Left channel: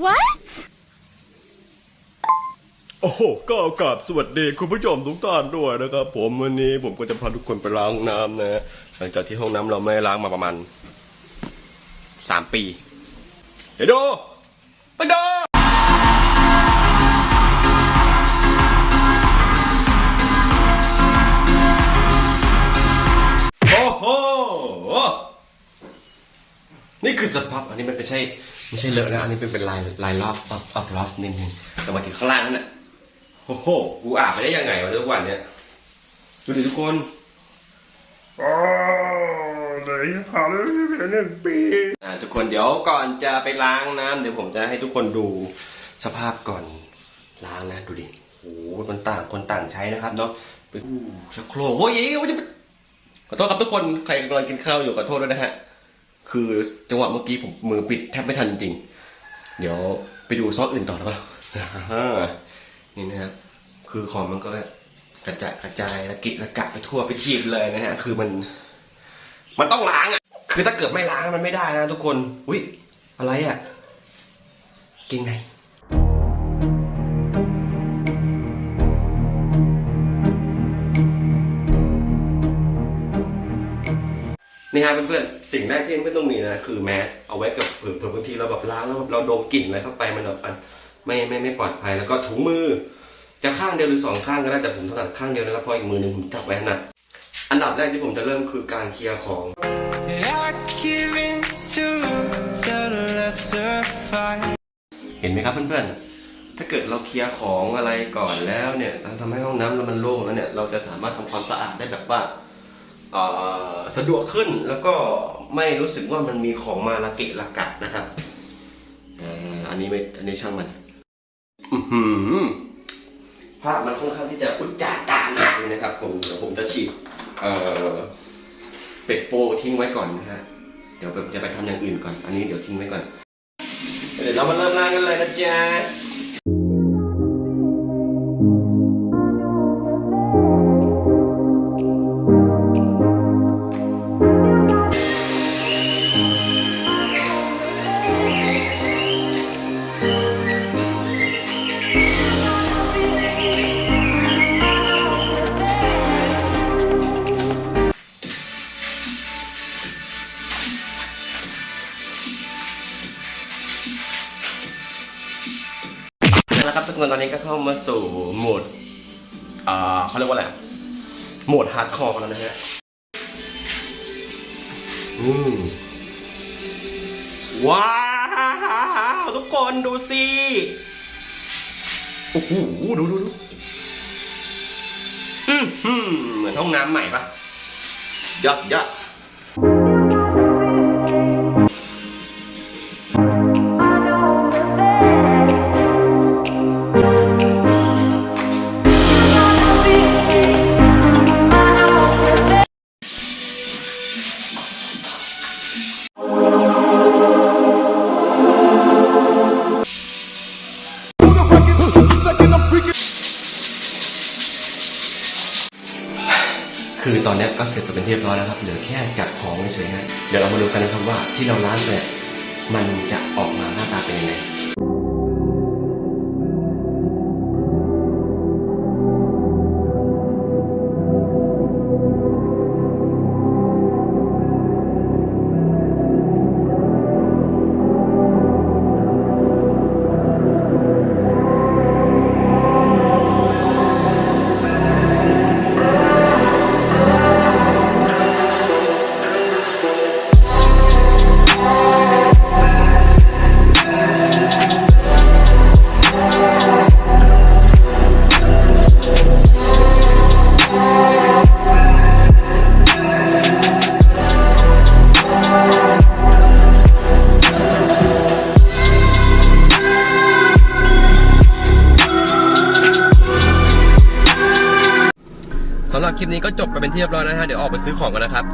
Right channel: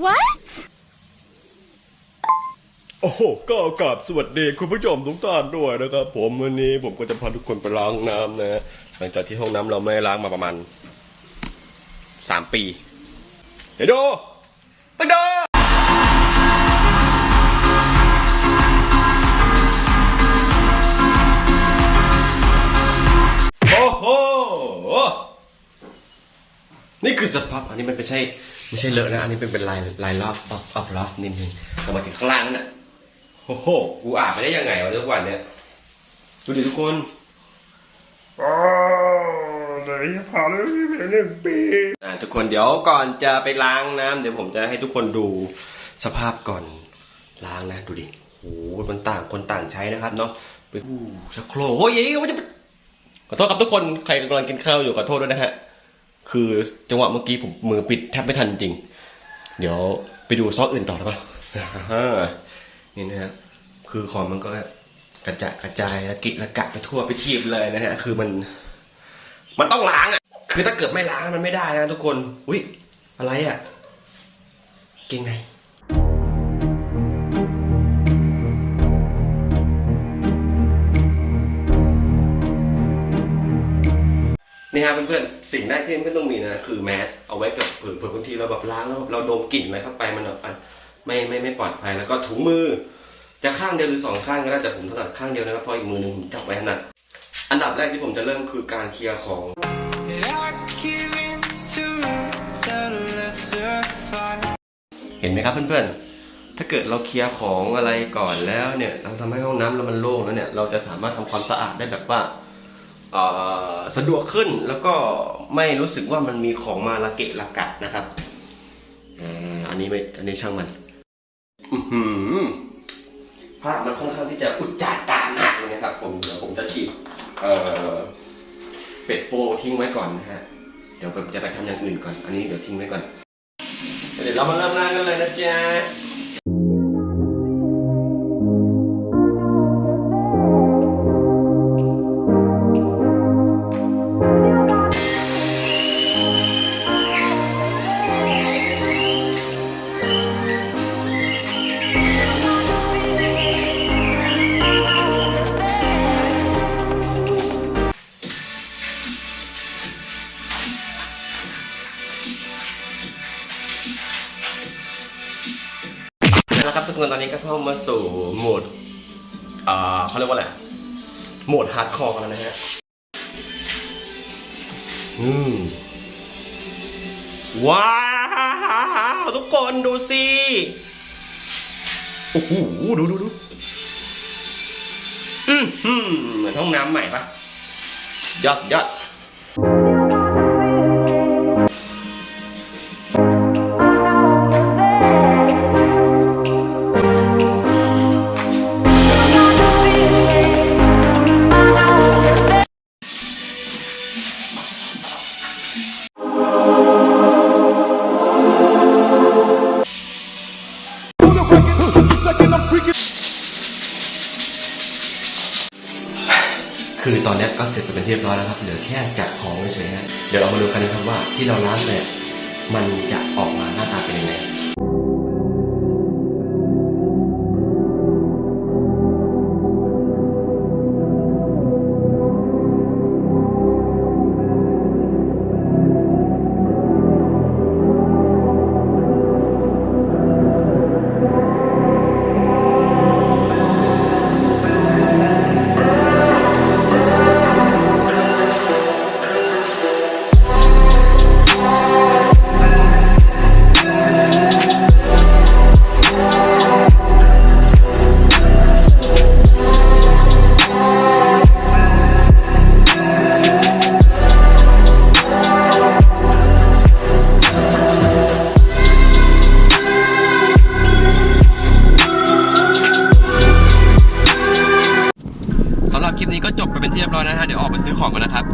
What? โอ้โหก็กราบสวัสดีคุณผู้ชมทุกท่านด้วยนะครับ ผมวันนี้ผมก็จะพาทุกคนไปล้างน้ำนะหลังจากที่ห้องน้ำเราไม่ล้างมาประมาณสามปี เดี๋ยวดูไปดู นี่คือสภาพอันนี้มันไม่ใช่ไม่ใช่เลอะนะอันนี้เป็นเป็นลายลายลอฟออฟออฟลอฟนิดนึงแต่มาถึงข้างล่างนั่นน่ะโอ้โหกูอาบไปได้ยังไงวะทุกวันเนี่ยดูดิทุกคนอ๋อไหนผ่านเลยหนึ่งปีอ่าทุกคนเดี๋ยวก่อนจะไปล้างน้ำเดี๋ยวผมจะให้ทุกคนดูสภาพก่อนล้างนะ ดูดิโอ้โหมันต่างคนต่างใช้นะครับเนาะไปอู้ชักโครกโอ้ยเอ้ยว่าจะไปขอโทษครับทุกคนใครกำลังกินข้าวอยู่ขอโทษด้วยนะฮะ คือจังหวะเมื่อกี้ผมมือปิดแทบไม่ทันจริง เดี๋ยวไปดูซอสอื่นต่อแล้วกันนี่นะครับคือของมันก็กระจายกระจายและกิละกะไปทั่วไปทีเลยนะฮะ คือมัน มันต้องล้างอะ คือถ้าเกิดไม่ล้างมันไม่ได้นะทุกคน อุ้ยอะไรอะ เก่งไง นี่ฮะเพื่อนๆสิ่งแรกที่ไม่ต้องมีนะคือแมสเอาไว้กับเผื่อเผื่อบางทีเราแบบล้างแล้วแบบเราดมกลิ่นอะไรเข้าไปมันแบบอะไม่ไม่ไม่ปลอดภัยแล้วก็ถุงมือ จะข้างเดียวหรือสองข้างก็ได้แต่ผมถนัดข้างเดียวนะครับเพราะอีกมือหนึงผมจับไว้ถนัดอันดับแรกที่ผมจะเริ่มคือการเคลียร์ของ I give in to the lesser fight. เห็นไหมครับเพื่อนๆ ถ้าเกิดเราเคลียร์ของอะไรก่อนแล้วเนี่ยเราทำให้ห้องน้ำเรามันโล่งแล้วเนี่ยเราจะสามารถทำความสะอาดได้แบบว่าเอ่อ สะดวกขึ้นแล้วก็ไม่รู้สึกว่ามันมีของมาละเกะละกัดนะครับอันนี้ไม่อันนี้ช่างมันภาพมันค่อนข้างที่จะอุจจาตามากเลยนะครับผมเดี๋ยวผมจะฉีดเอ่อเป็ดโปทิ้งไว้ก่อนนะฮะเดี๋ยวผมจะไปทำอย่างอื่นก่อน อันนี้เดี๋ยวทิ้งไว้ก่อนเดี๋ยวเรามาเริ่มงานกันเลยนะจ๊ะ แล้วครับทุกคนตอนนี้ก็เข้ามาสู่โหมดอ่าเขาเรียกว่าอะไรโหมดฮาร์ดคอร์กันแล้วนะฮะอืมว้าวทุกคนดูสิโอ้โหดูดูดูอืมเหมือนห้องน้ำใหม่ปะยอดยอด คือตอนนี้ก็เสร็จไปเป็นที่เรียบร้อยแล้วครับ เหลือแค่จัดของเฉยๆฮะเดี๋ยวเรามาดูกันนะครับว่าที่เราล้างไปเนี่ยมันจะออกมาหน้าตาเป็นยังไง ลิปนี้ก็จบไปเป็นที่เรียบร้อยนะฮะเดี๋ยวออกไปซื้อของกันนะครับ